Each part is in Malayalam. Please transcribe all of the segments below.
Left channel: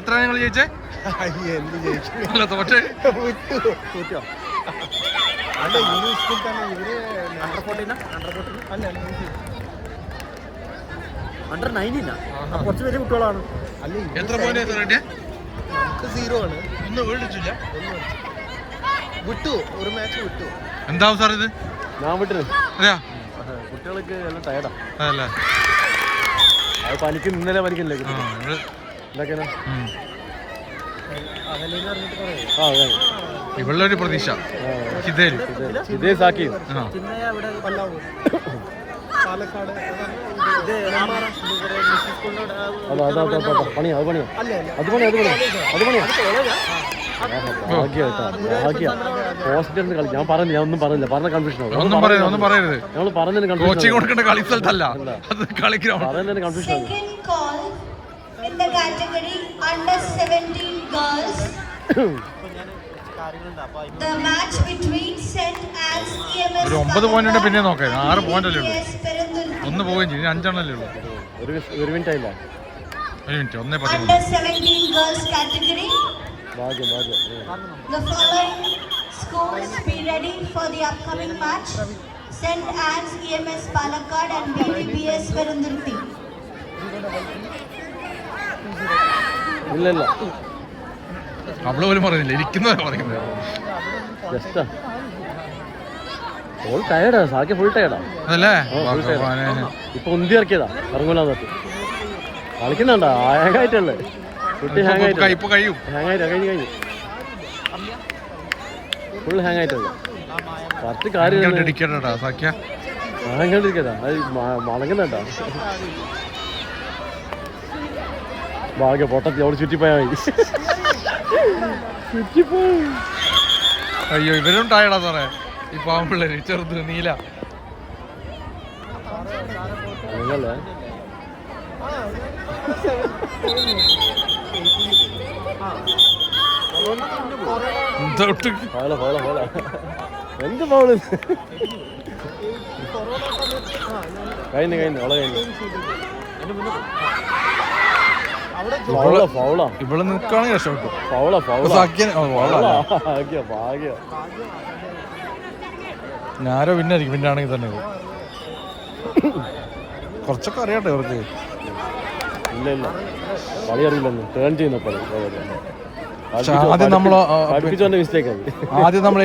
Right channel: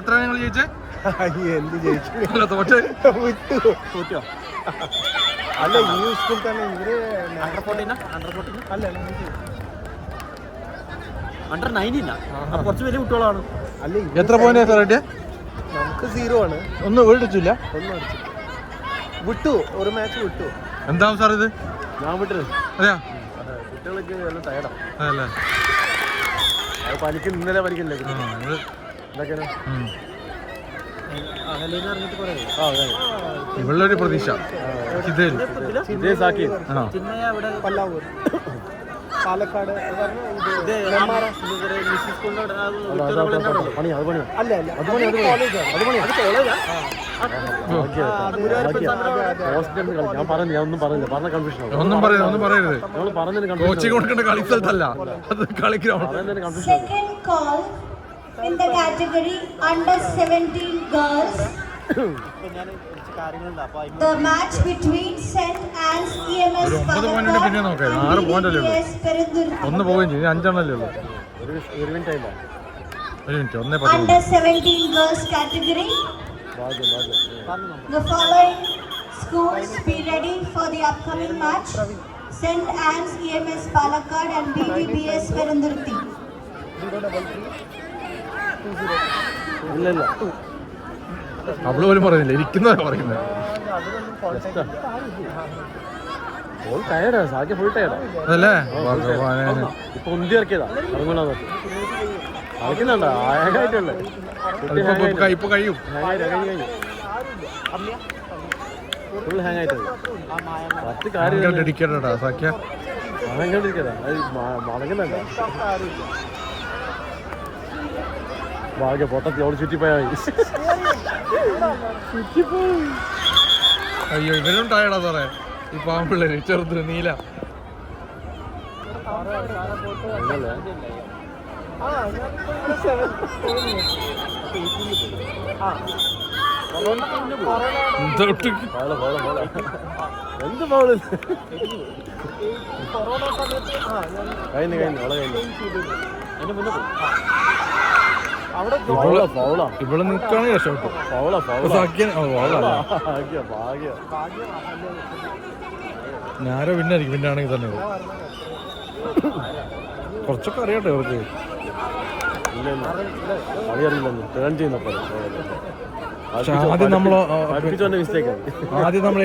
എത്ര നിങ്ങൾ ജയിച്ചേ? അല്ല തോറ്റ് എത്ര പോയിന്റ് റെഡി? 0 ആണ്. ഒന്നും വീട്ടിച്ചില്ല. വിട്ടു, ഒരു മാച്ച് വിട്ടു. എന്താവും സാർ ഇത്? ഞാൻ വിട്ടത് അതെയാ? അതല്ലേ പണിക്ക് ഇന്നലെ പണിക്കില്ലേ? ഇവളൊരു പ്രതീക്ഷ ഹിതേല് ഒന്നും പറയരുത്. കോച്ചിങ് കൊടുക്കേണ്ട കളി സ്ഥലത്തല്ല, അത് കളി ground. In the category under 17 girls, the match between St. Anne's EMS ഒരു 9 പോയിന്റ് പിന്നെ നോക്കാം. 6 പോയിന്റ് അല്ലേ ഉള്ളൂ. ഒന്ന് പോവുകയും ചെയ്യും. 5 എണ്ണല്ലേ ഉള്ളൂ. ഒരു minute 1:10. Under 17 girls category, the following schools be ready for the upcoming match: St. Anne's EMS Palakkad and BVBS Perundurthi. അവള് പോലും പറയുന്നില്ല, ഇരിക്കുന്നവരാ പറയുന്നത്. അതല്ലേ ഭഗവാനെ, ഇപ്പൊ ഉന്തി ഇറക്കിയതാ കളിക്കുന്നുണ്ടോ? ഇപ്പൊ കഴിയും. ഫുൾ ഹാങ് ആയിട്ടുണ്ട്. 10 കാര്യം ഡെഡിക്കേറ്റഡാ സാക്യ. മടങ്ങുന്നുണ്ടോ? ഭാഗ്യ പൊട്ടത്തി അവിടെ ചുറ്റിപ്പോയാൽ അയ്യോ ഇവരും ടയർഡാ സാറേ. ഈ പാമ്പിള്ളേര് ചെറുത് നീല. എന്ത് ഫോണ് കഴിഞ്ഞു വളരെ കഴിഞ്ഞു. ഇവള് നിൽക്കുകയാണെങ്കിൽ രക്ഷപ്പെട്ടു. ഞാനോ പിന്നായിരിക്കും. പിന്നാണെങ്കിൽ തന്നെ കുറച്ചൊക്കെ അറിയട്ടെ ഇവർക്ക്. ആദ്യം നമ്മൾ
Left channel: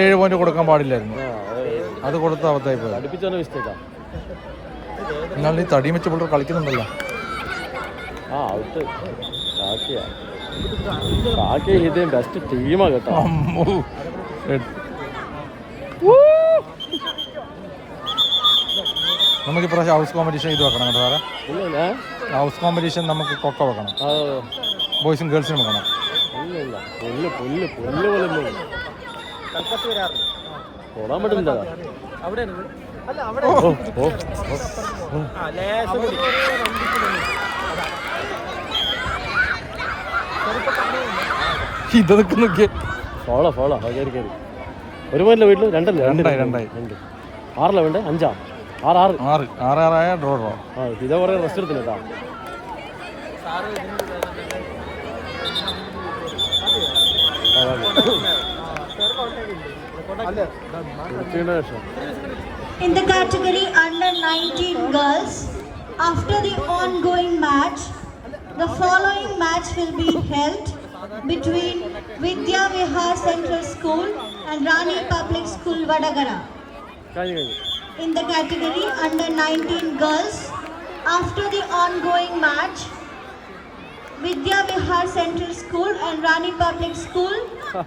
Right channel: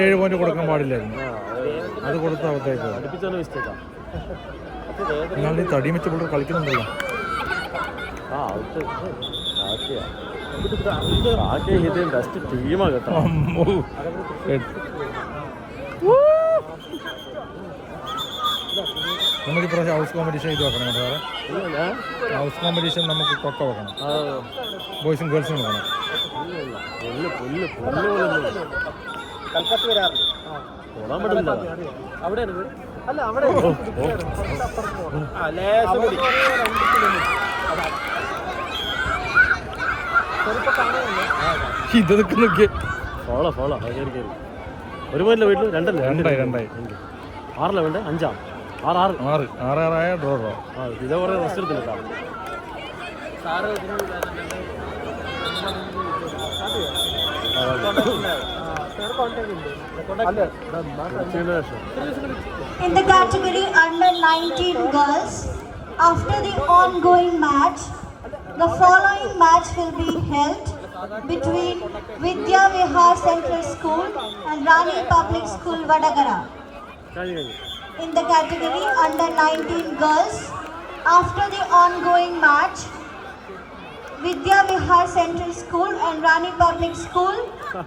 7 പോയിന്റ് കൊടുക്കാൻ പാടില്ലായിരുന്നു. അത് കൊടുത്ത അവത്തായി പോയി. എന്നാൽ ഈ തടിയും വെച്ച് പിള്ളേർ കളിക്കുന്നുണ്ടല്ലോ. നമുക്കിപ്രാവശ്യം ഹൗസ് കോമ്പറ്റീഷൻ ഇത് വെക്കണം കേട്ടോ സാറേ. ഹൗസ് കോമ്പറ്റീഷൻ നമുക്ക് കൊക്ക വെക്കണം. ബോയ്സും ഗേൾസിനും വെക്കണം. ഇത് നോക്കിയ ഒരു പോയിന്റ് വീട്ടിൽ രണ്ടായി 6 വേണ്ട 5 6 ഡ്രോ ഇതേ കുറെ റെസ്റ്റ് എടുത്തില്ല. In the category under 19 girls, after the ongoing match, the following match will be held between Vidya Vihar Central School and Rani Public School Vadagara. In the category under 19 girls, after the ongoing match, Vidya Vihar Central School and Rani Public School will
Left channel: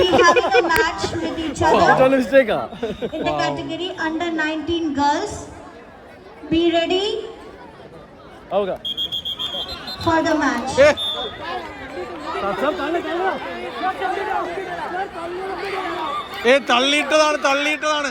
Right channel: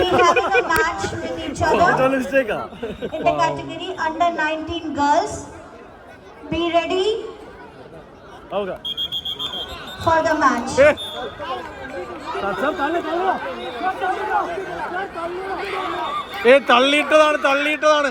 be having a match with each other. In the category under 19 girls, be ready for the match. തള്ളിയിട്ടതാണ്.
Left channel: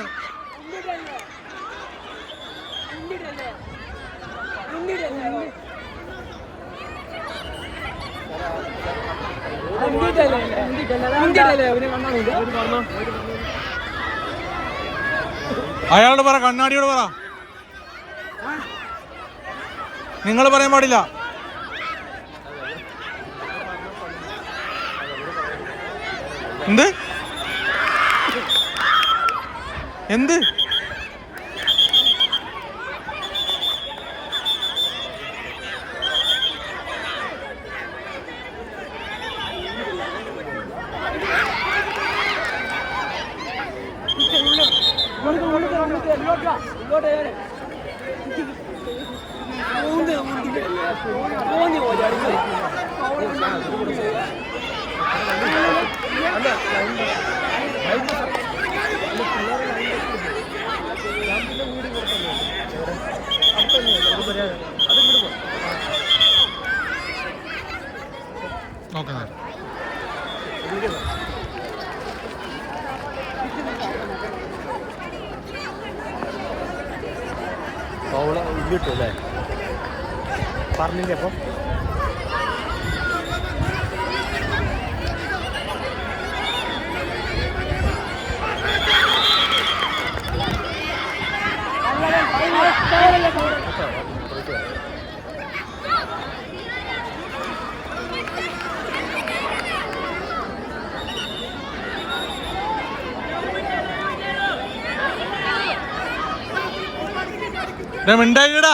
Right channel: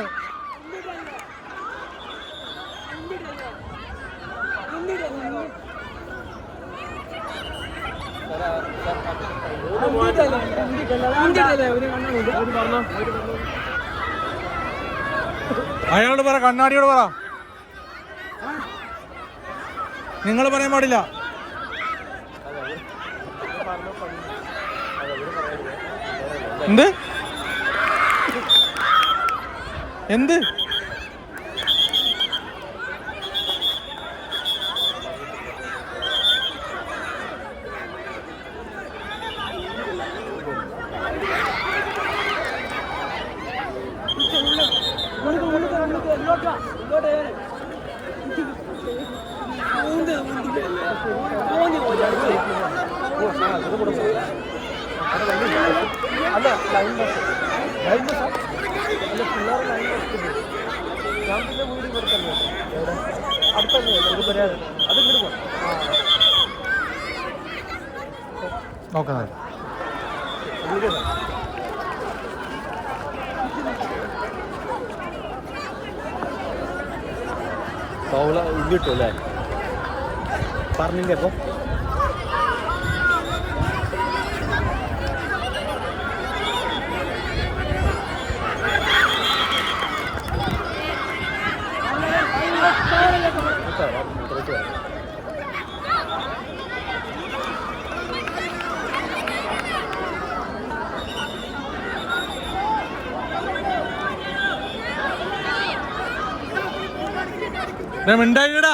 അയാളോട് പറ, കണ്ണാടിയോട് പറ. നിങ്ങൾ പറയാൻ പാടില്ല. എന്ത് എന്ത് നോക്കാം ഇല്ലിട്ടു അല്ലേ പറഞ്ഞില്ലേ അപ്പോൾ മിണ്ടായിടാ